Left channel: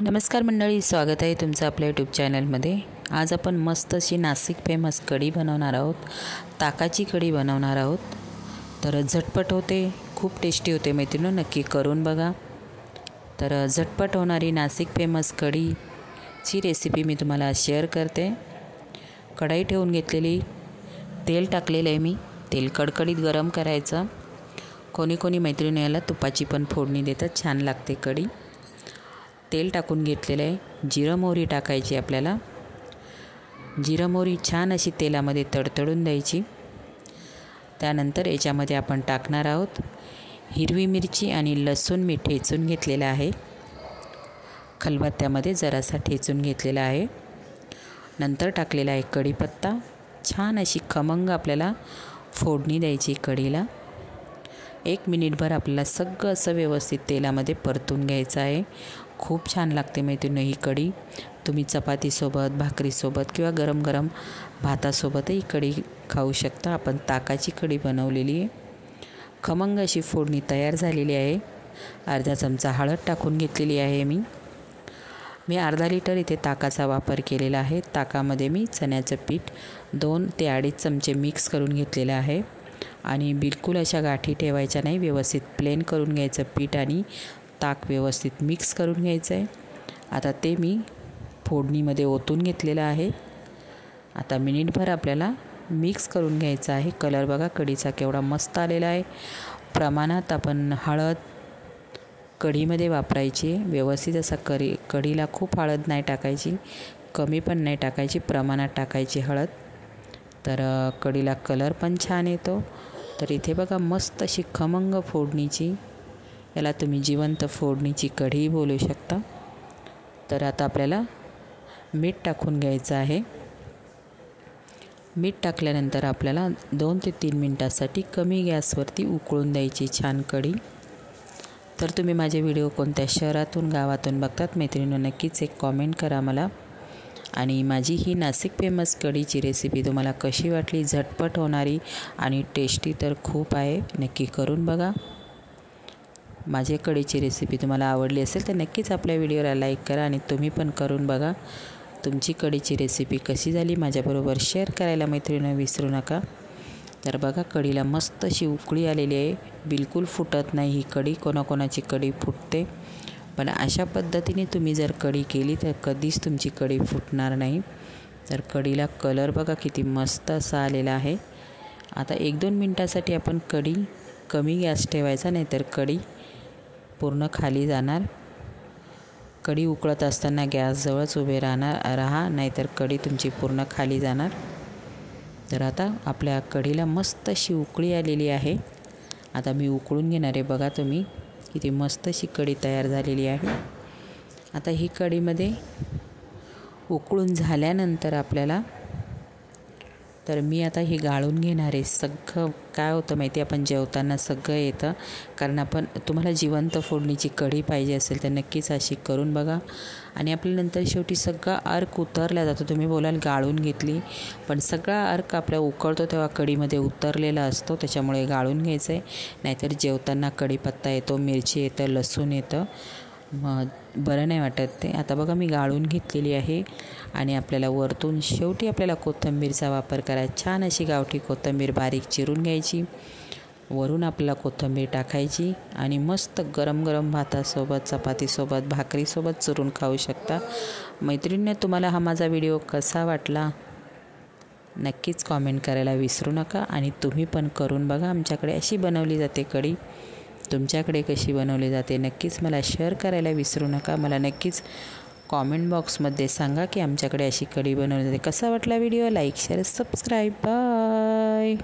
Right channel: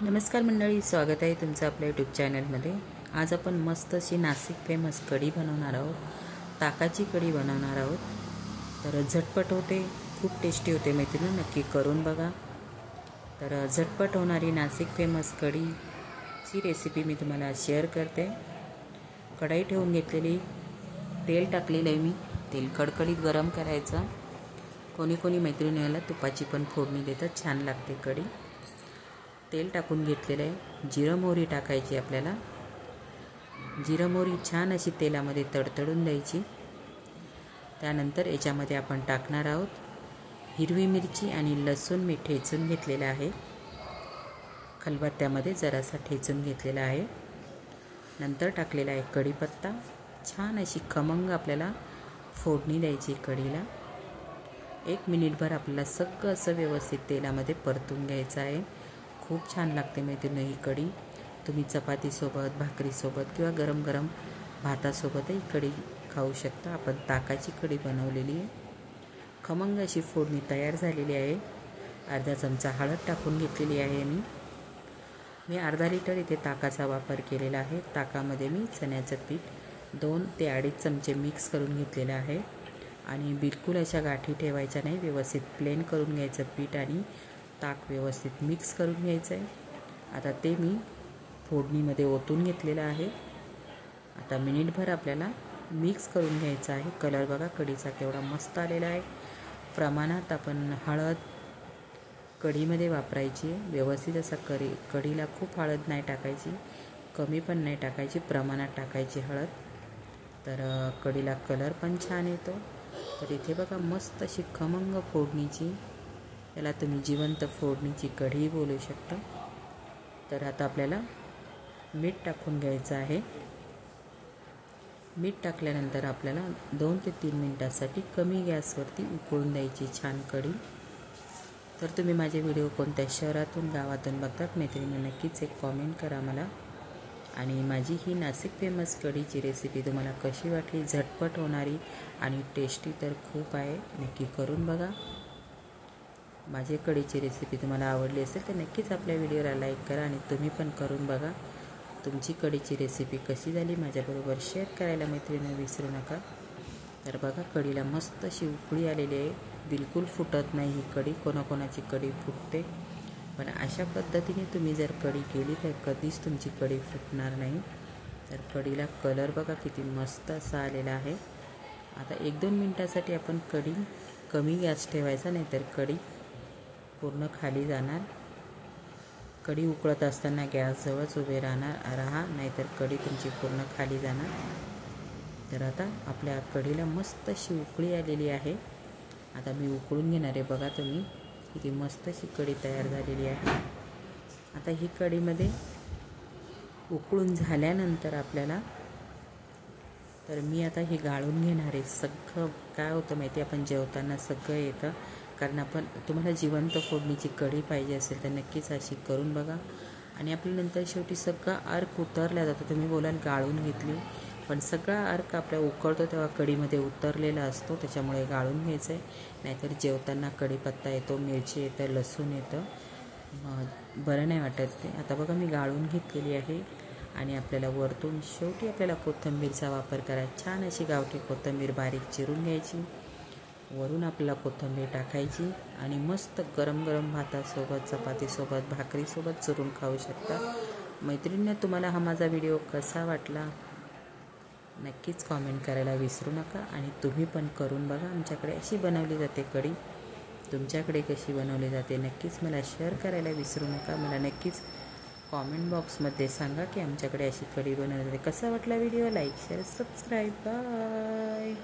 नमस्कार मंडळी, स्वागत आहे तुमचं आपल्या यूट्यूब चॅनलमध्ये। आज आपण मस्त अशी नाशिक फेमस कढी बनवणार आहोत। ताकाची कढी बनवणार आहोत। तर झटपट होते, खूप टेस्टी होते मैत्रिणींनो, नक्की करून बघा। तर झटपट होणारी नाशिक फेमस कढीची रेसिपी मी तुम्हाला शेअर करते। कढई ठेवून घेतलेली, तेल टाकलेलं आहे मी। तेल कडकडीत गरम करायचं। कोणी कोणी मैत्रिणी याला तुपाची पण फोडणी देतात, छान लागते कढी। तेल टाकून घेतलेलं आहे। जिरं मोहरी टाकायची आपल्याला। जिरं मोहरी छान अशी तेलामध्ये तडतडून द्यायची। त्यानंतर याच्यामध्ये आपण टाकणार आहोत हिरवी मिरची आणि लसूण मी ठेचून घेतलेला आहे। खलबत्त्यामध्ये जरासा ठेचून घेतलेला आहे। नंतर टाकलेला आहे कढीपत्ता। छान अशी खमंग आपल्याला फोडणी द्यायची कढीला। 1 मिनिटभर आपल्याला सगळं असं व्यवस्थित तेलामध्ये परतून घ्यायचं आहे। खूप छान लागते मैत्रिणींनो ही कढी। तुम्ही चपातीसोबत, भाकरीसोबत किंवा गरम गरम भातासोबतही कढी खाऊ शकता। आपण ताकाची कढी बनवलेली आहे। खमंग अशी फोडणी तयार झालेली आहे। अर्धा चमचा हळद टाकून घेतलेली आहे मी अर्धा लिटर इथे ताकाचा वापर केलेला आहे। ताकामध्ये मी चण्याचं पीठ 2 ते 2.5 चमचे मिक्स करून घेतलेलं आहे। आणि बिलकुल अशा गाठी ठेवायच्या नाही, व्यवस्थित प्लेन करून घ्यायचं पीठ आणि ताक व्यवस्थित मिक्स करून घ्यायचं आहे। आता ते मी फोडणीमध्ये ओतून घेतलेलं आहे। आता मिनिटभर आपल्याला मिक्स करून घ्यायचं आहे। कलर बघा कढीचा केवढा मस्त आलेला आहे। प्रमाणात आपण हळद कढीमध्ये वापरायची आहे। व्यवस्थित असा कढीला खूप हळद नाही टाकायची, कमी पण नाही टाकायची, प्रमाणात टाकायची हळद। तर कढीला कलर पण छान येतो। तर इथे बघा मस्त अशी खमंग फोडणीची, याला तुम्ही जिवंत फोडणीची कढी बोलू शकता। तर आता आपल्याला मीठ टाकून घ्यायचं आहे। मीठ टाकल्यानंतर आपल्याला 2 ते 3 मिनिटांसाठी कमी गॅसवरती उकळून द्यायची छान कढी। तर तुम्ही माझे व्हिडिओ कोणत्या शहरातून गावातून बघतात मैत्रिणींनो, नक्कीच एक कॉमेंट करा मला। आणि माझी ही नाशिक फेमस कढीची रेसिपी तुम्हाला कशी वाटली? झटपट होणारी आणि टेस्टी तर खूप आहे, नक्की करून बघा। माझी कढीची रेसिपी तुम्हाला आवडली असेल तर नक्कीच आपल्या व्हिडिओला लाईक करा आणि तुम्ही पण करून बघा। तुमची कढीची रेसिपी कशी झाली माझ्याबरोबर शेअर करायला मैत्रिणींनो विसरू नका। तर बघा कढीला मस्त अशी उकळी आलेली आहे, बिलकुल फुटत नाही ही कढी। कोणाकोणाची कढी फुटते, पण अशा पद्धतीने तुम्ही जर कढी केली तर कधीच तुमची कढी फुटणार नाही। तर कढीला कलर बघा किती मस्त असा आलेला आहे। आता 1-2 मिनिटांसाठी आपण कढी कमी गॅस ठेवायचा, नाहीतर कढी पूर्ण खाली जाणार। कढी उकळत असताना गॅसजवळच उभे राहा, नाहीतर कढी तुमची पूर्ण खाली जाणार। तर आता आपल्या कढीला मस्त अशी उकळी आलेली आहे। आता मी उकळून घेणार आहे, बघा तुम्ही किती मस्त अशी कढी तयार झालेली आहे। आता ही कढीमध्ये उकळून झाल्यानंतर आपल्याला, तर मी आता ही गाळून घेणार आहे। सगळं काय होतं माहिती आहे, आपण जेवताना सगळं येतं, कारण आपण तुम्हाला जिवंत फोडणीची कढी पाहिजे असेल तर नक्कीच अशी करून बघा। आणि आपल्यानंतर शेवटी सगळा अर्क उतरला जातो। तुम्ही बोलाल गाळून घेतली, पण सगळा अर्क आपल्या उकळतो तेव्हा कढीमध्ये उतरलेला असतो, त्याच्यामुळे गाळून घ्यायचं आहे। नाहीतर जेवताना कढीपत्ता येतो, मिरची येतं, लसूण येतं, मग बरं नाही वाटत ते। आता बघा मी गाळून घेतलेली आहे। आणि आपल्याला वरतून शेवटी आपल्याला कोथिंबीरचा वापर करायचा। छान अशी गावठी कोथिंबीर बारीक चिरून घ्यायची, वरून आपल्याला कोथिंबीर टाकायची आणि मस्त गरम गरम भातासोबत, चपातीसोबत, भाकरीसोबत चुरून खाऊ शकता। मैत्रिणींनो, तुम्हाला हा माझा व्हिडिओ कसा वाटला नक्कीच कॉमेंट करायला विसरू नका। आणि तुम्ही पण करून बघा। आमच्याकडे अशी बनवली जाते कढी, तुमच्याकडे कशी बनवली जाते नक्कीच मला शेअर करायला विसरू नका। मला नक्कीच कॉमेंट बॉक्समध्ये सांगा की आमच्याकडे अशी कढी बनवली जाते। कसा वाटला video? Like, share, subscribe. Bye.